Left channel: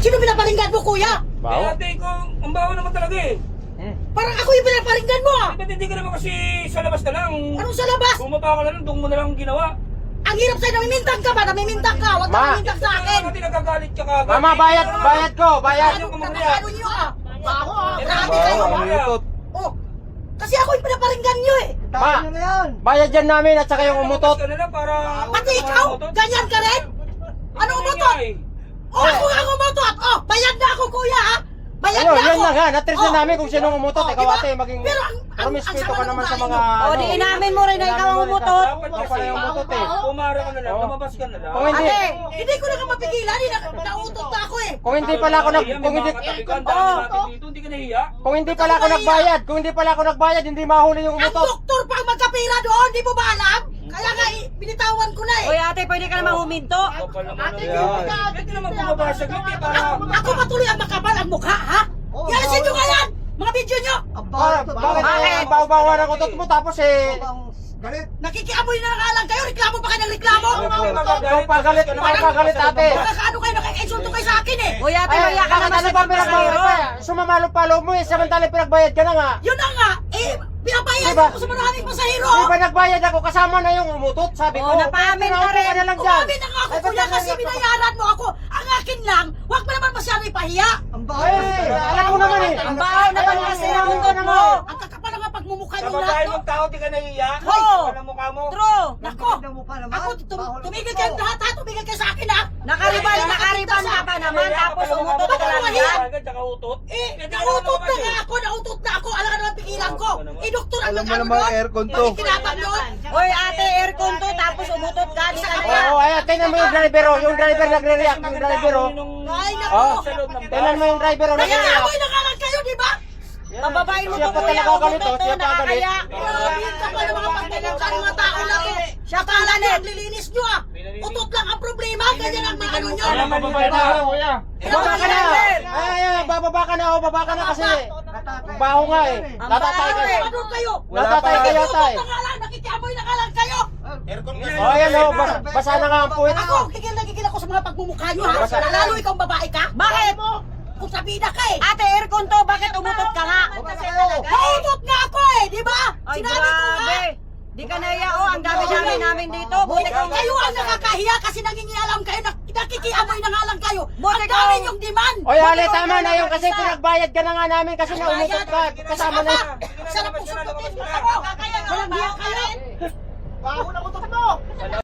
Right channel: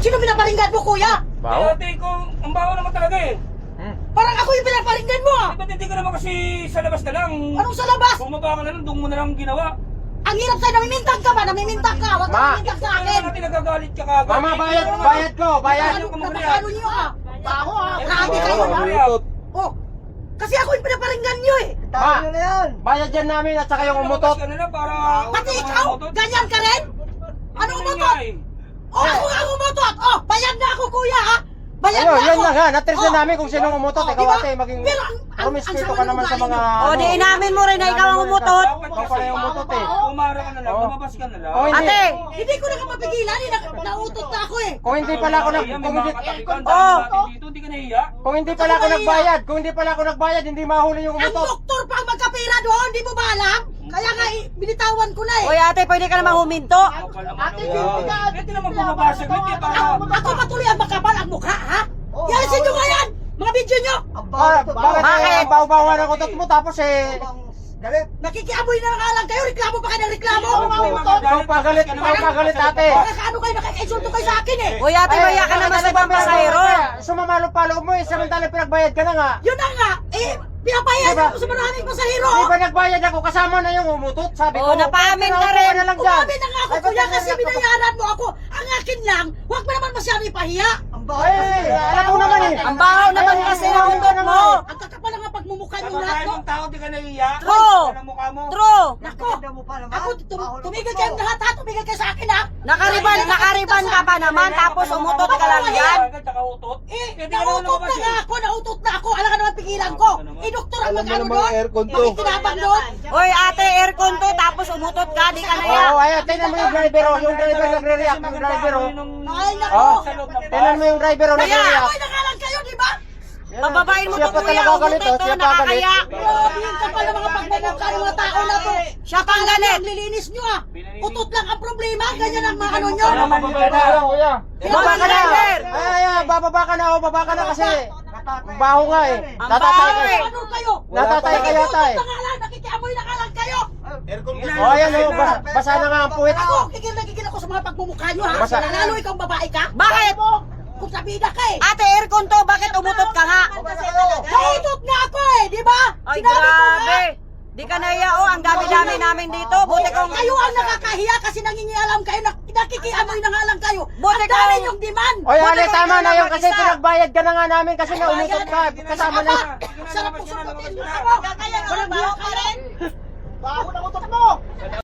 Sino pinaparinggan mo, kuya? Baho? Ate ko, ang baho naman talaga eh. Parang ako yung pinaparinggan mo, ah. Ba't hindi ka naman kasi sa labas na lang? Anong sa labas? Bumaba ka na lang, doon mo na lang ginawa. Ang hirap sa'yo, namimintang ka ba? Namimintang ka. Huwag ka Ma. namimintang sa Ate, akin. natin nagagalit ka kagad. Mama, bayad ko, bayad. Ano napakano niyo, ah? Baho, ah. Grabe Baho, kayo, baho. ah. Oh. Kasi ako yung pinaparinggan niyo, eh. Ma, bayad yan namin at saka yung umutot. Ka na lang para... Pati ikaw, ganyan ka rin? Ano Ano umutot? nga eh? Oh, ako nga umutot. Oh, bayad na ako, kuya, ha? Bayad Ayun, na yan ako. na nga. Natres na namin kung sinong umutot. Oh, Ikaw diba? ate, maging Pero ang promiscuito sama ka ng naman sa ugali mga... mo. O, di inamin mo rin na ikaw ang umutot. Ikaw pala yung umutot eh. Pumara ka na lang, Oo. lumabas ka na lang. Kung hindi, Ate, Hindi ko na ka mapigilan, nautot na ako, eh. kung hindi pala ako nag... Kung hindi, Hindi ka nahiya. kung hindi pala ako nagbayad, kung hindi pala ako nagbayad, hindi mahuli yung Ang umutot. doktor pa ang magkapira doon, di mo ba alam? Kaya nga, binitawan ko na, eh. Oy ate, pwede ka namang huminto. Ate, bakit ka naman bumabasa? Ako patuloy ang makapal ang mukha, ha? Yalisin nyo nga yan! Mga video nyo! Bakit ang bawa-bawa ng utot mo tapos eh... Nakikiamoy na nga lang kayo, reklamo pa kayo ng reklamo! Ikaw pagalit ate. Nakakaano kayo, nakikaisulto kayo sa akin, eh! Oy ate, maya ka naman sa pampasayro. Sumamalo-palo mo eh, samantalang pinagbayad ka na nga. Yun na nga, eh, pinabayad Diba? ako sa maraming pasahero! Di ba nagbayad ako kasama na yung umutot? Sabi ko, Oo, napaamin ka rin. na lang dyan. Umamin na nga ako, Ay, kuya, ba't kasi nangyari ako? binayaran mo ako! Ang akin lang, huwag mo naman masyado ipahiya! Eh, alam mo naman eh. Ang baho naman kasi ng utot mo. Ang kakapal nga pagmumukha Sa nyo babae lahat, no? mong tao, di ka nahiya? True. Sa mukha mo? True. Nako! Ako, tumigil kayong lahat, ha? Tumigil kayo sa akin, ha? Nakariban ka pa naman tapos umutot ka lang yan. Tsaka utot? Eh, Hindi ka naman nautot na lumabas nga eh. ako, nautot na ako. Alam ka naman pigilan ko. Eh, doktor ang Alam mo mag-ano naman, doon? aircon to. Makikinabang doon? Oy ate, aircon to tapos umutot ka, di ka Oo, naya. ayan, tingnan mo yung driver oh. Yung driver nagre-react, yung driver oh. Ay, nako. Oh, Sa loob ng tingnan mo yung driver oh, nagre-react. Nag-aamoy na nga lang kayo, di ba? Pababain mo Siya to pa kuya, talaga galit oh, umutot siya to, pa galit. nakakaya. Grabe, ang kapal ng mga pagmumukha ng mga tao na to. Siya pa ang galit. Ang lilinis nyo, ah. Utot lang ang problema. Ganyan ang mga ano nyo. Baba ka na! Ay, bababa ka na oh, baba ka na kasi. Baho nga eh. Natatay ka. Ano kayo? Natatay ka yata eh. Utot na nga lang, nakikiamoy na nga lang kayo. Oh, ayan oh, basa na nga ang puwit. Ako, gigil ako sa mga pagmumukha nyo, ha? Basta- Lalo ikaw babae ka. Bakit? Kung sabida ka, eh. Ate, aircon to, bakit umutot ka nga? Nautot nga ako, eh, di ba? Ay, Sinabi ko nga. grabe. Di ka naya, oh, ang dami-dami namin dito. Buti kang Kayo ang nakakahiya kasi nangingialam kayo, nakikiamoy na nga lang kayo. Buti Ang dami ka- yung demand. Oy, Ale, tama na yung kasi pinagbayad ka na nga namin kasi naumutot ka. Kasama na yun. Sarap po sa kapatid mo. Kaya nga, baho ka rin. Baho na utot mo!